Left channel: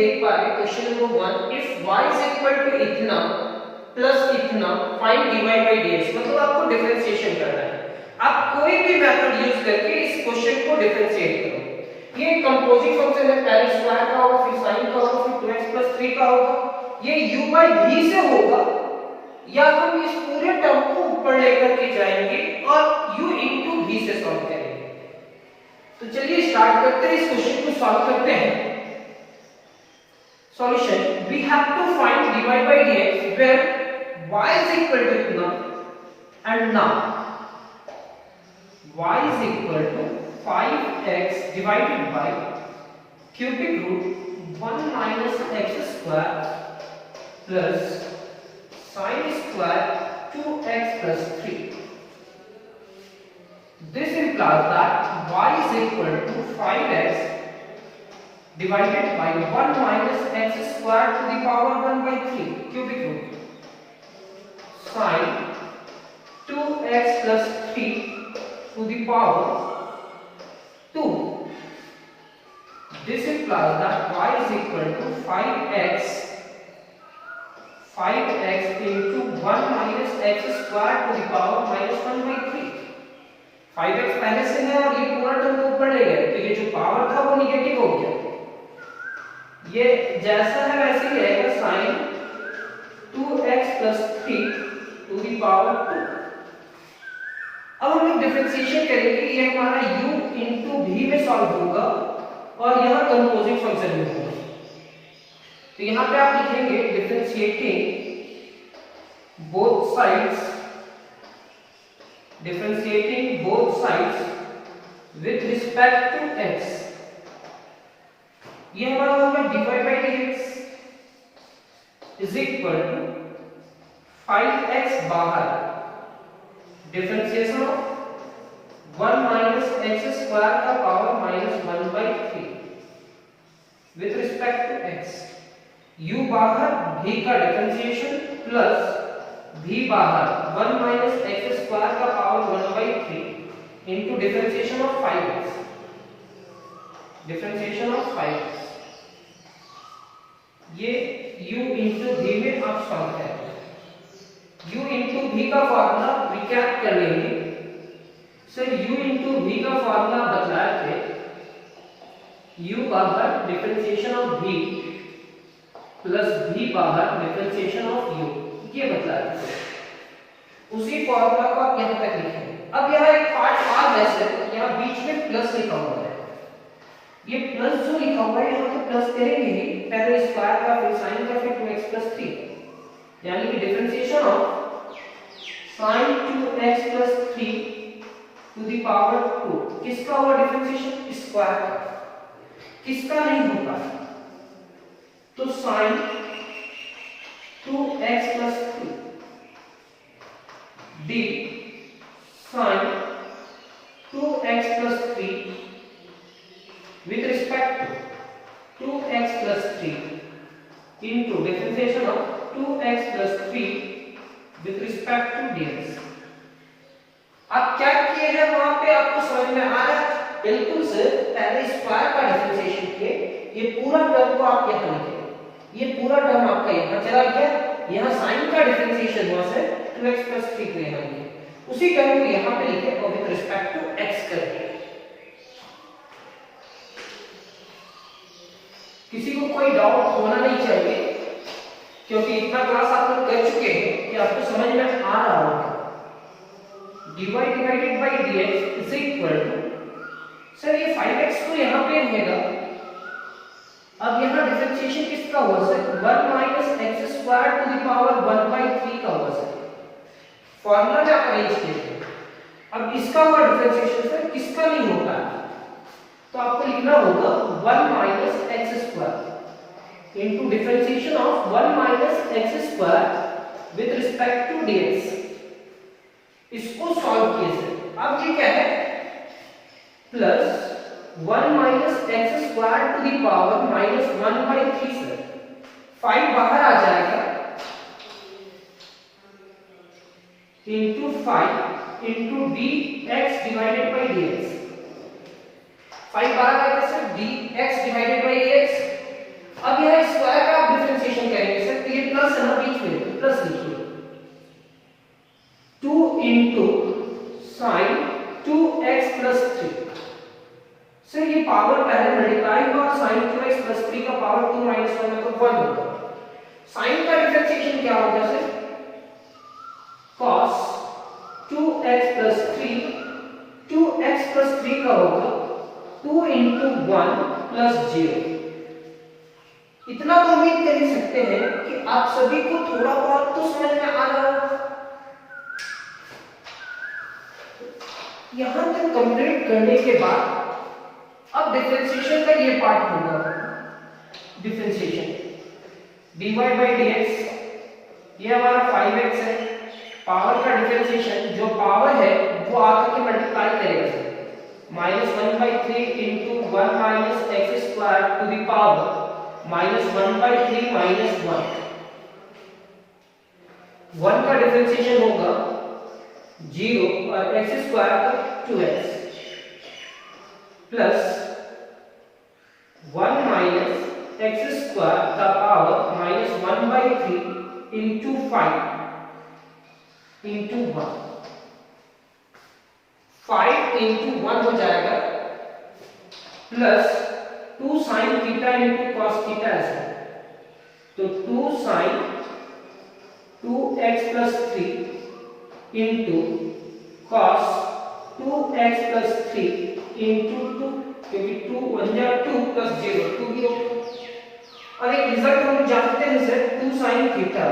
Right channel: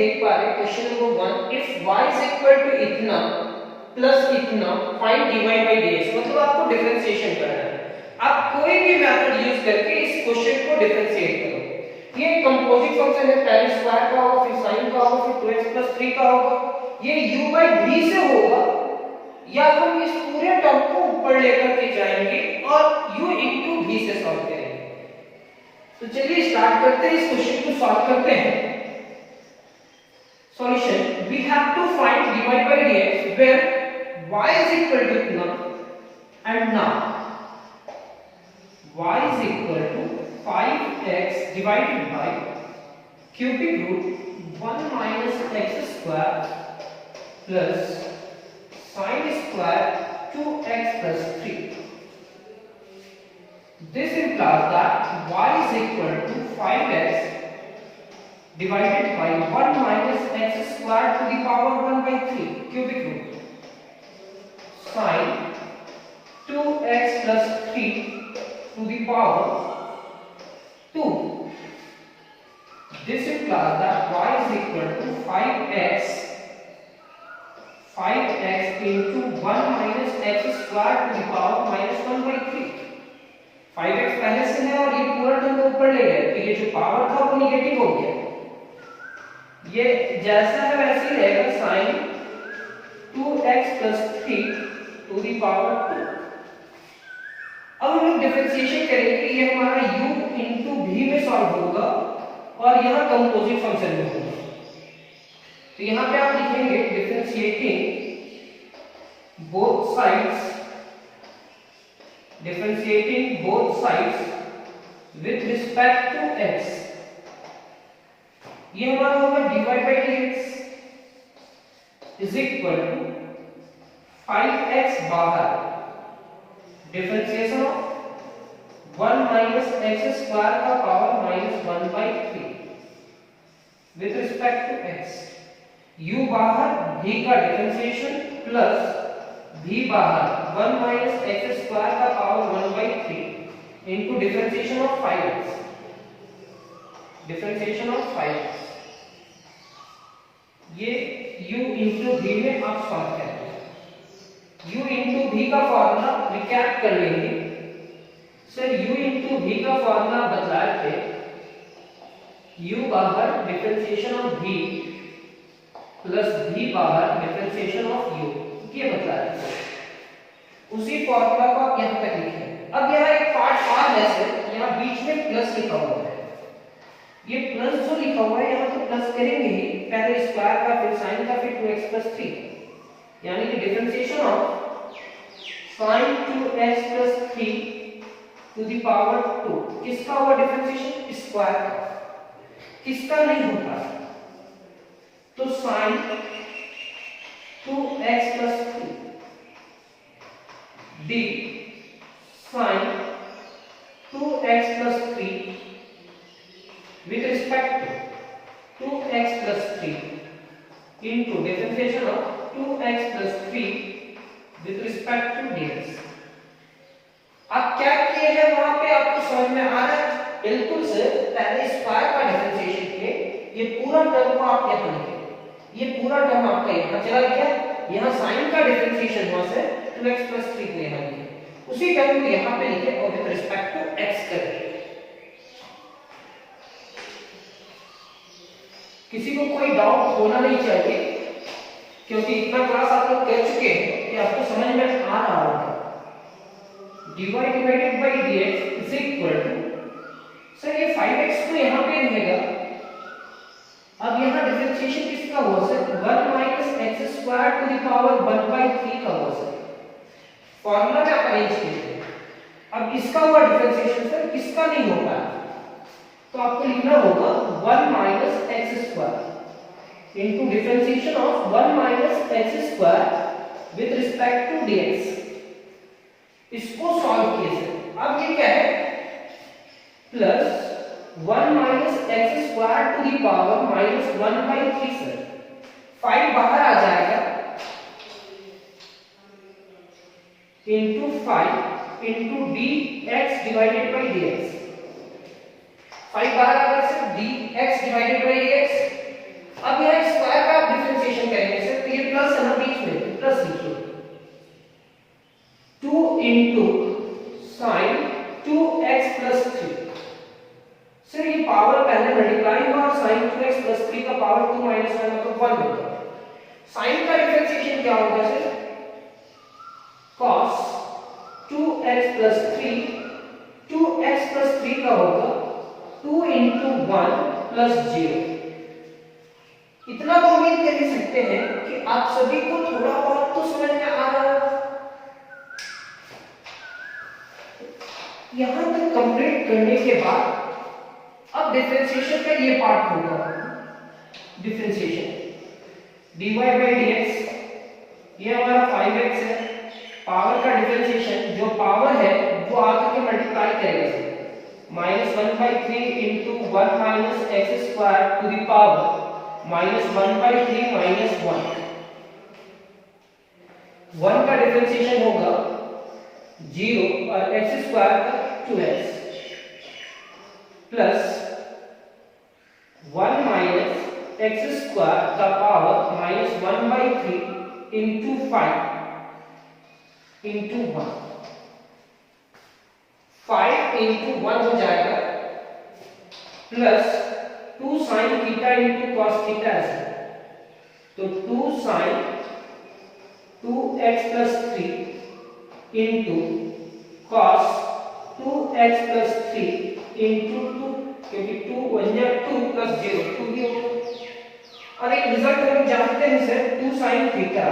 देख पा रहे question number 1, if y is equal to इतना प्लस इतना फाइंड dy बाय dx, मतलब आपको डिफरेंशिएशन करना है। आप कोई भी मेथड यूज करके इस क्वेश्चन को डिफरेंशिएट करो। ये कंपोजिट फंक्शन है, पहले स्क्वायर का होगा, फिर साइन का होगा, फिर 2x 3 का होगा। ये u बाय v से होगा, या हम इस पूरे टर्म को ऊपर लेकर के जाएंगे और u इनटू v से सॉल्व करेंगे। तो चलिए स्टार्ट करते हैं, इस क्वेश्चन को सॉल्व करते हैं। Solution, we have to find dy by dx where y is equal to इतना and now y is equal to 5x divided by cubic root 1 minus x square plus sin square 2x plus 3. This implies that y is equal to 5x divided by 1 minus x square to the power 1 by 3 cubic root sin 2x plus 3 to the power 2. This implies that y is equal to 5x into 1 minus x square to the power minus 1 by 3. 5x पहले से है और ये पूरा term को ऊपर ले गए, तो ये जो पावर था वो निगेटिव हो गया। ये जैसा है वैसे ही रहेगा, sin 2x plus 3 to the power 2। अब हम लोग डिफरेंशिएशन करेंगे, ये हमारा u into v में सॉल्व होगा और यहाँ कंपोजिट फंक्शन में होगा। तो यहाँ पे आप लिखेंगे differentiating both sides, differentiating both sides with respect to x। ये हमारा होगा dy by dx is equal to 5x बाहर differentiation of 1 minus x square का power minus 1 by 3 with respect to x। u बाहर, v का differentiation plus v बाहर 1 minus x square का power 1 by 3 into differentiation of 5x, differentiation of 5x। ये u into v में आप solve करेंगे। u into v का formula recap कर लेंगे। सर u into v का फार्मूला बतलाए थे, u बाहर differentiation of v plus v बाहर डिफरेंशिएशन ऑफ u, ये बतलाया है। उसी फॉर्मूला को आप यहाँ तक लिखें। अब यहाँ एक पार्ट आ जैसे यहाँ बीच में प्लस लिखा हुआ है, ये प्लस जो लिखा हुआ है यहाँ तो प्लस करेंगे ही, पहले स्क्वायर का फिर साइन का फिर 2x plus 3, यानी कि differentiation of sin 2x plus 3 to the power 2। किसका हुआ डिफरेंशिएशन? स्क्वायर का। किसका नहीं होगा? तो sin 2x plus 3 d sin 2x plus 3 with respect to 2x plus 3 into differentiation of 2x plus 3 with respect to dx। अब क्या किए हैं वहां पे, आपको समझ में आ रहा है? बिल्कुल से पहले स्क्वायर का डिफरेंशिएशन किए, ये पूरा टर्म को आप यहां लिखें, ये पूरा टर्म आपका यहां चला गया, यहाँ साइन का डिफरेंशिएशन हुआ से 2x plus 3 को यहाँ लिखे, उसी टर्म को यहाँ पे लिखे और विद रिस्पेक्ट टू x करके। किसी को कोई डाउट होना नहीं चाहिए, क्योंकि इतना क्लास आप लोग कर चुके हैं कि आपको समझ में आ रहा होगा। dy divided by dx is equal to, sir ये 5x तो यहाँ पे रहेगा। अब यहाँ डिफरेंशिएशन किसका हुआ sir? 1 minus x square to the power 1 by 3 का हुआ सर। फॉर्मूला क्या अरेंज कीजिए। अब इसका हुआ डिफरेंशिएशन सर किसका नहीं होगा, तो आपको लिखना होगा 1 minus x square into differentiation of 1 minus x square with respect to dx। इसको सॉल्व कीजिए। अब ये क्या है? Plus 1 minus x square to the power minus 1 by 3 sir. 5 बाहर आ जाएगा into 5 into dx divided by dx। 5 बाहर आ गया sir, dx divided by dx। अब यह into sine 2x plus 3। Sir ये पावर पहले मल्टीप्लाई हुआ और साइन 2x प्लस 3 का पावर 2 माइनस 1 है तो 1 होगा। साइन का डिफरेंशिएशन क्या होगा sir? cos 2x plus 3, 2x plus 3 का होगा 2 इंटू 1 प्लस 0। इतना तो उम्मीद कर ही सकते हैं कि आप सभी को थोड़ा बहुत तो समझ में आ रहा है। यहां तक कंप्लीट करने के बाद अब डिफरेंशिएशन का ये पार्ट होगा। डिफरेंशिएशन dy by dx, ये हमारा 5x है। पावर का डिफरेंशिएशन जो पावर है वो आकर के मल्टीप्लाई करेगा -1/3 into 1 minus x square to the power -1/3 minus 1। 1 का डिफरेंशिएशन होगा 0 और एक्स स्क्वायर का 2x plus 1 minus x square का पावर -1/3 इंटू 5 इंटू 1। 5 इंटू 1 हो जाएगा plus 2 sine theta into cos theta ऐसे। तो 2 sine 2x plus 3 into cos 2x plus 3 into 2, क्योंकि 2 1 जा 2 प्लस 0 2 ही होगा। और एक रिजल्ट हम जानते हैं sir 2 sine theta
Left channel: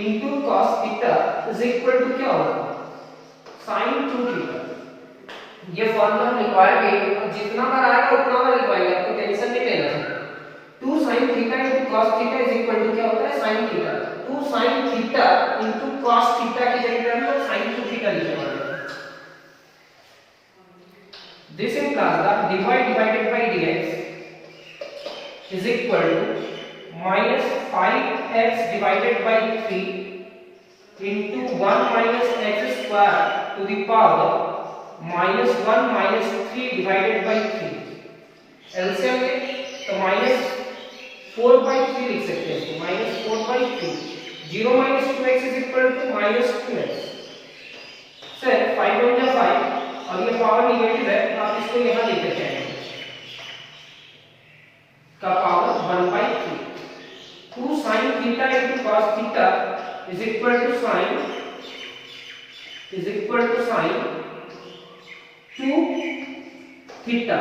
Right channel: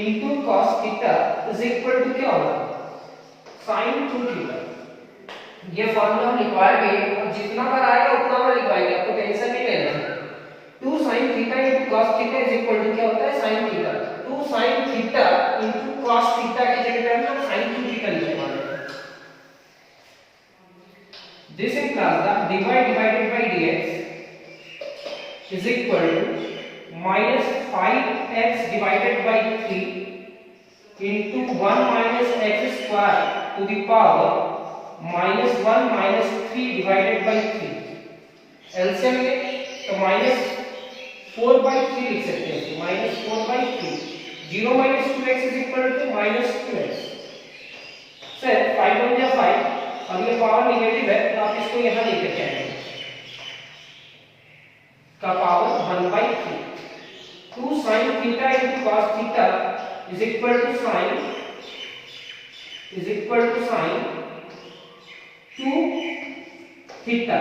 into cos theta is equal to क्या होगा? Sign 2 theta. ये फॉर्मूला लिखवाया गया, जितना बार आएगा उतना बार लिखवाएंगे, आपको टेंशन नहीं लेना है। 2 sine theta into cos theta is equal to क्या होता है? Sine theta. 2 sine theta into cos theta की जगह पे हम लोग साइन 2 थीटा लिखने वाले हैं। This implies that dy divided by dx is equal to -5x divided by 3 into 1 minus x square to the power -1 minus 3 divided by 3। LCM में तो -4/3 लिख सकते हैं, -4/3। 0 minus 2x is equal to -2x। Sir 5 1 या 5 और ये power negative है तो आप इसको यहां लेकर के आएंगे का power 1/3। 2 sin theta into cos theta is equal to sin 2 theta.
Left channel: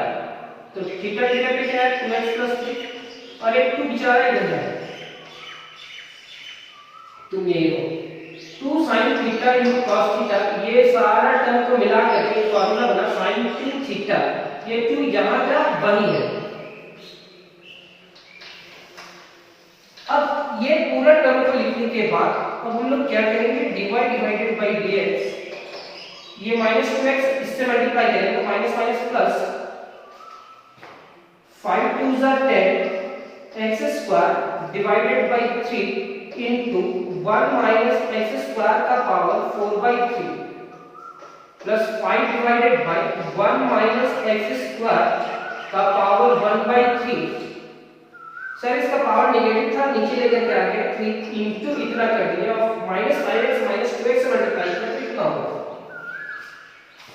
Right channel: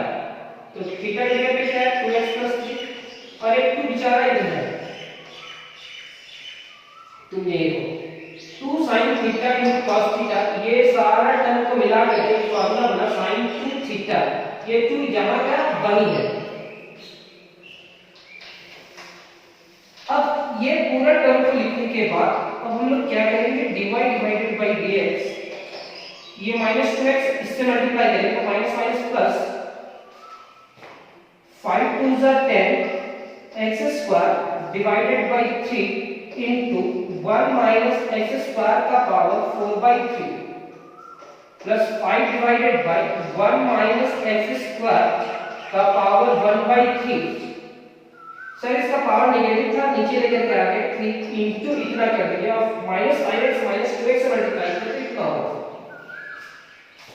तो थीटा की जगह पे क्या है? 2x plus 3 और एक 2 बेचारा इधर है तो ये 2 sin theta into cos theta, ये सारा टर्म को मिला करके एक फार्मूला बना sin 2 थीटा। ये 2 यहां का बनी है। अब ये पूरा टर्म को लिखने के बाद अब हम लोग क्या करेंगे? dy divided by dx, ये -2x इससे मल्टीप्लाई करेंगे तो minus minus plus 5 2s are 10 x square divided by 3 into 1 minus x square का power 4/3 plus 5 divided by 1 minus x square का पावर 1/3। सर इसका पावर नेगेटिव था, नीचे लेकर के आके 3 इंटू इतना कर दिया और -5x - 2x से मल्टीप्लाई करके इतना होगा।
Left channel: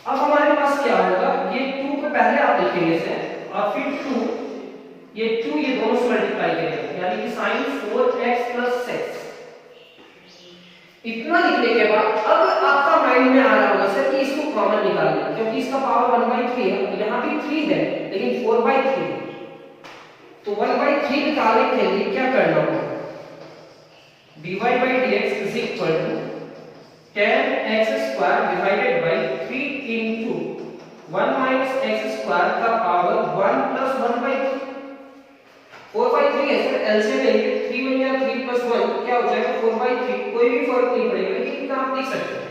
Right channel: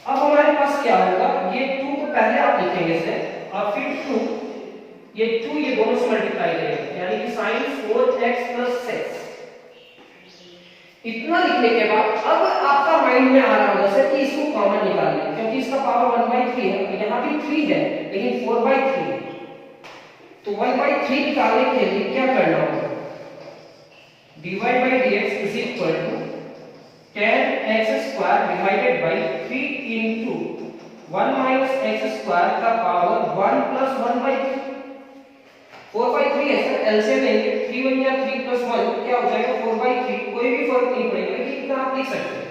अब हमारे पास क्या होगा? ये 2 को पहले आप लिखेंगे सर और फिर 2 ये दोनों से मल्टीप्लाई करेंगे, यानी कि sin 4x + 6। इतना लिखने के बाद अब आपका माइंड में आ रहा होगा सर कि इसको कॉमन निकालना है, क्योंकि इसका पावर 1/3 है, यहाँ भी 3 है लेकिन 4/3 है। तो 1/3 निकालने के लिए क्या करना होगा? dy by dx is equal to 10x² divided by 3 into 1 minus x square का पावर 1 plus 1/3। 4/3 है सर, एलसीएम लेंगे 3 1 या 3 plus 1 क्या हो जाएगा? 4/3। कोई भी फर्क नहीं पड़ेगा, लेकिन इतना आप लिख सकते हैं।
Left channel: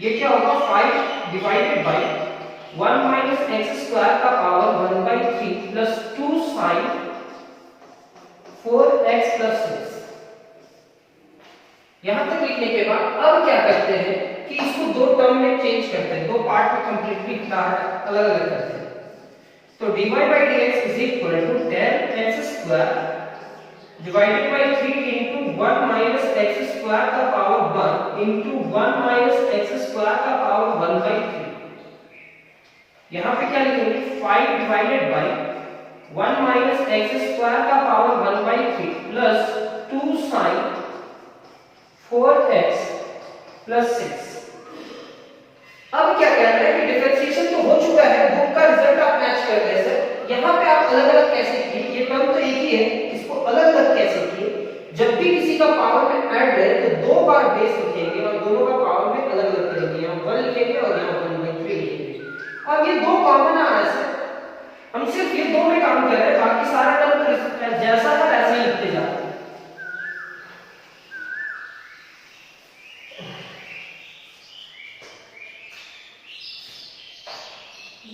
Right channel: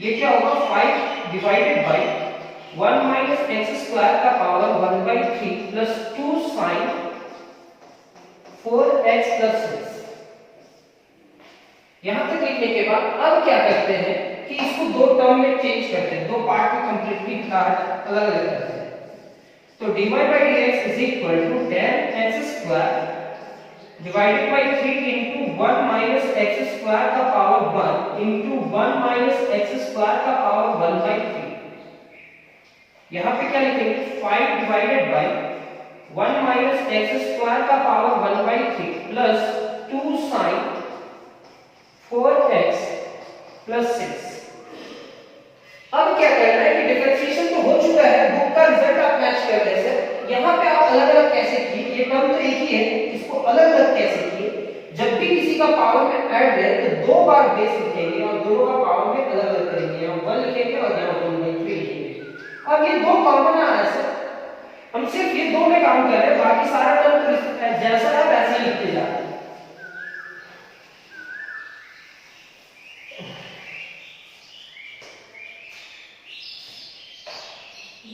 ये क्या होगा? 5 divided by 1 minus x square का power 1/3 plus 2 sin 4x plus 6। यहां तक लिखने के बाद अब क्या करते हैं कि इसको दो टर्म में चेंज करते हैं, दो पार्ट में कंप्लीटली अलग अलग करते हैं। तो dy by dx is equal to 10x square divided by 3 into 1 minus x square का power 1 into 1 minus x square का पावर 1 बाई 3। यहाँ पे क्या लिखेंगे 5 divided by 1 minus x square का power 1 by 3 plus 2 sine 4x plus 6। अब क्या करना है कि डिफरेंशिएशन तो हो चुका है, बुक का रिजल्ट आप मैच कर रहे हैं सर। यहाँ पे आप अलग अलग कैसे किए, ये टर्म तो एक ही है, इसको अलग अलग कैसे किए। जब भी किसी का पावर में ऐड रहे तो दो बार बेस लिखेंगे और दोनों का पावर में अलग अलग करेंगे, यहाँ 1 लिखेंगे और यहाँ 1/3 लिखेंगे। अब ये दो कॉमन आ रहा है सर, हम सिर्फ ये दो में काम कर रहे हैं, बाकी सारा टर्म तो जैसा है वैसा ही लिखते जा रहे हैं।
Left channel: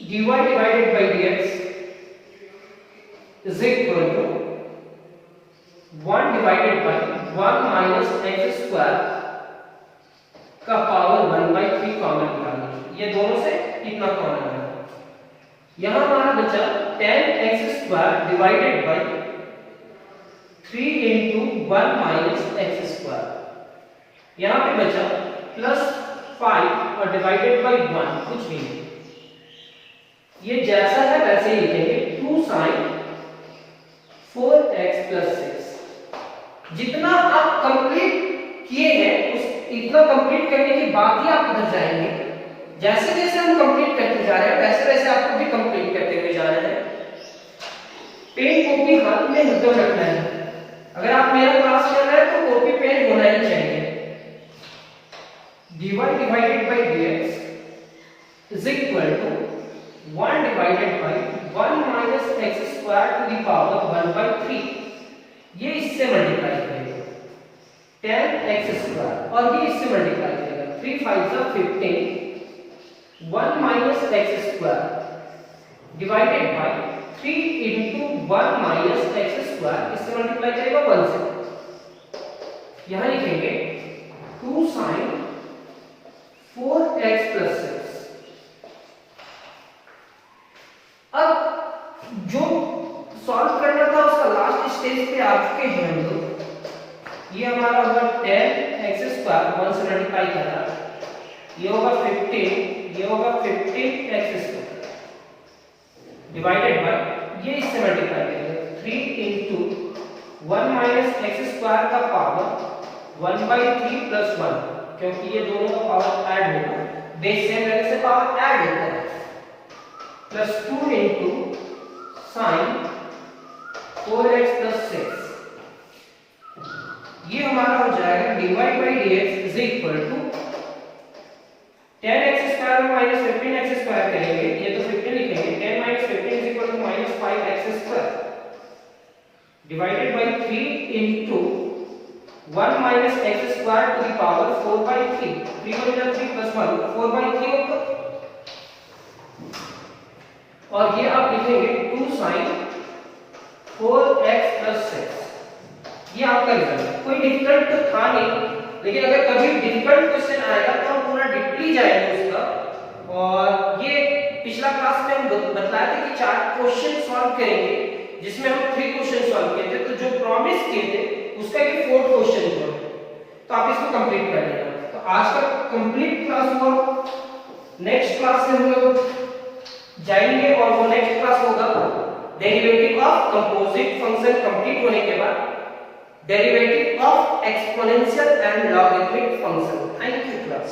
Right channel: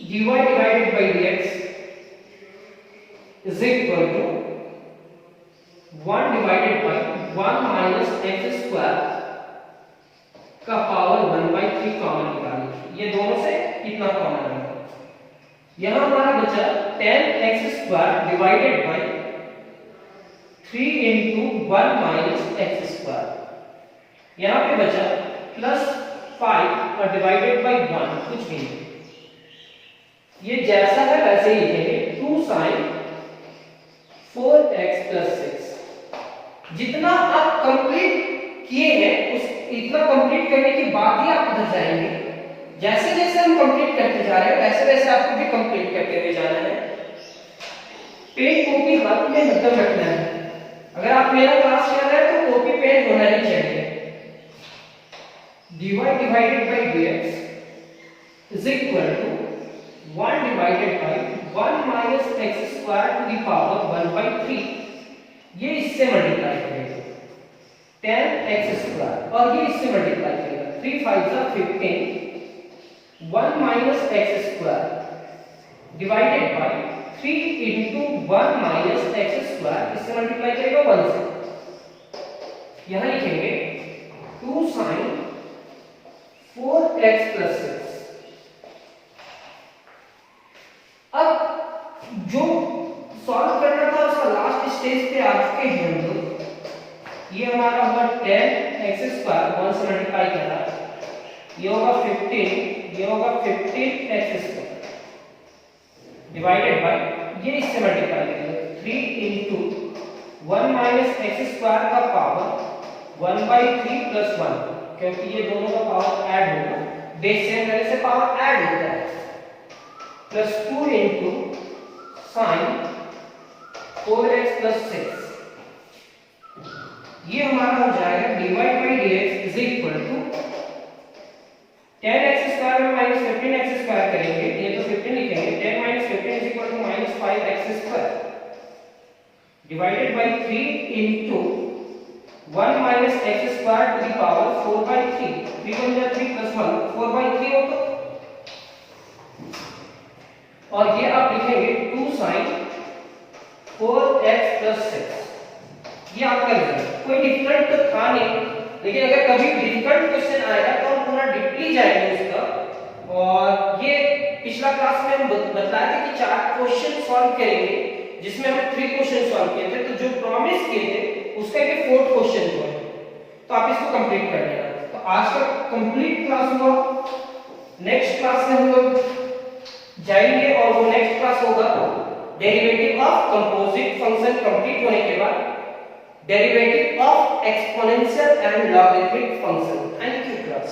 dy divided by dx is equal to 1 divided by 1 minus x square का पावर 1/3 कॉमन निकालेंगे। ये दोनों से कितना कॉमन आएगा, यहां हमारा बचा 10x square divided by 3 into 1 minus x square. यहां पे बचा प्लस 5 और डिवाइडेड बाय 1 कुछ भी नहीं, ये जैसा है वैसे ही लिखेंगे 2 sin 4x प्लस 6। जितना आप कंप्लीट किए हैं उस इतना कंप्लीट करने के बाद ही आप उधर जाएंगे। जैसे जैसे हम कंप्लीट करते जा रहे हैं वैसे वैसे आपको भी कंप्लीट करते हुए जाना है। पेन कॉपी हाथ में एकदम रखना है। अगर आप मेरा क्लास कर रहे हैं तो कॉपी पेन होना ही चाहिए। dy divided by dx is equal to 1 divided by 1 minus x square to the power 1/3। ये इससे मल्टीप्लाई करेगा 10x स्क्वायर और ये इससे मल्टीप्लाई करेगा 3 5 15 1 minus x square divided by 3 into 1 minus x square, इससे मल्टीप्लाई करेगा 1 से। यहां लिखेंगे 2 sin 4x प्लस 6। अब जो सॉल्व करना था उसका लास्ट स्टेज पे आ चुके हैं हम लोग। ये हमारा होगा 10x स्क्वायर 1 से मल्टीप्लाई करा, ये होगा 15, ये होगा 15x स्क्वायर डिवाइडेड बाय ये इससे मल्टीप्लाई करेंगे 3 into 1 माइनस x स्क्वायर का पावर 1/3 प्लस 1, क्योंकि ये दोनों का पावर ऐड होगा, बेस सेम रहने से पावर ऐड होता है, plus 2 into sin 4x plus 6। ये हमारा हो जाएगा dy by dx is equal to 10x square में माइनस 15x स्क्वायर करेंगे, ये तो 15 लिखेंगे, 10 minus 15 is equal to minus 5x square divided by 3 into 1 minus x square to the power 4/3, 3 × 3 + 1 4/3 होगा। और ये आप लिखेंगे 2 sin 4x प्लस 6। ये आपका रिजल्ट कोई डिफिकल्ट तो था नहीं, लेकिन अगर कभी डिफिकल्ट क्वेश्चन आएगा तो हम पूरा डीपली जाएंगे उसका। और ये पिछला क्लास में हम बताया था कि 4 क्वेश्चन सॉल्व करेंगे, जिसमें हम 3 क्वेश्चन सॉल्व किए थे, तो जो प्रॉमिस किए थे उसका भी 4th क्वेश्चन हुआ, तो आप इसको कंप्लीट कर लेना। तो आज का कंप्लीट क्लास हुआ। नेक्स्ट क्लास में हम लोग जाएंगे और वो नेक्स्ट क्लास होगा derivative of composite function. Complete होने के बाद derivative of exponential and logarithmic function. Thank you class.